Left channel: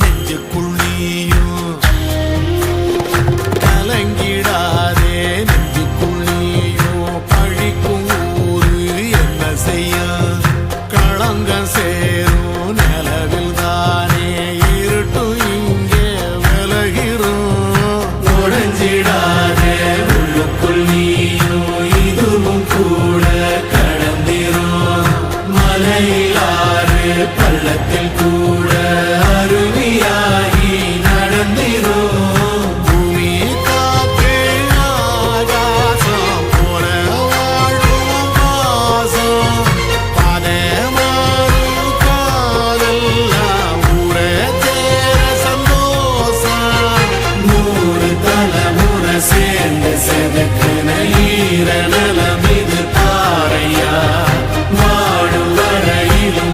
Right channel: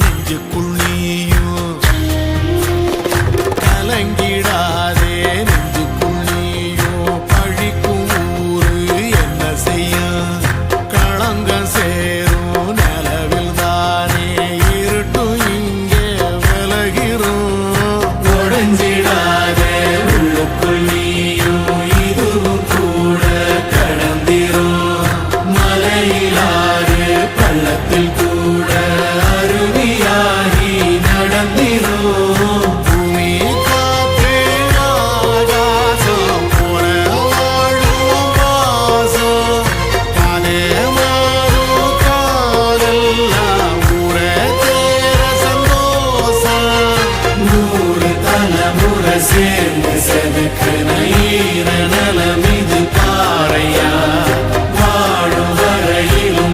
நெஞ்சுக்குள் நீயும் கலங்கிடாதே, நெஞ்சுக்குள் நீயும் பழிக்கும் ஊரு என்ன செய்யும்? களங்கம் சேரும் நிலவில் தானே இருட்டும் இங்கே விலகிறோம். உடைஞ்சிடாதே உள்ளுக்குள் நீயும் இதுவும் கூட கடந்திரும். மலையிலாறு பள்ளத்தில் கூட அருவி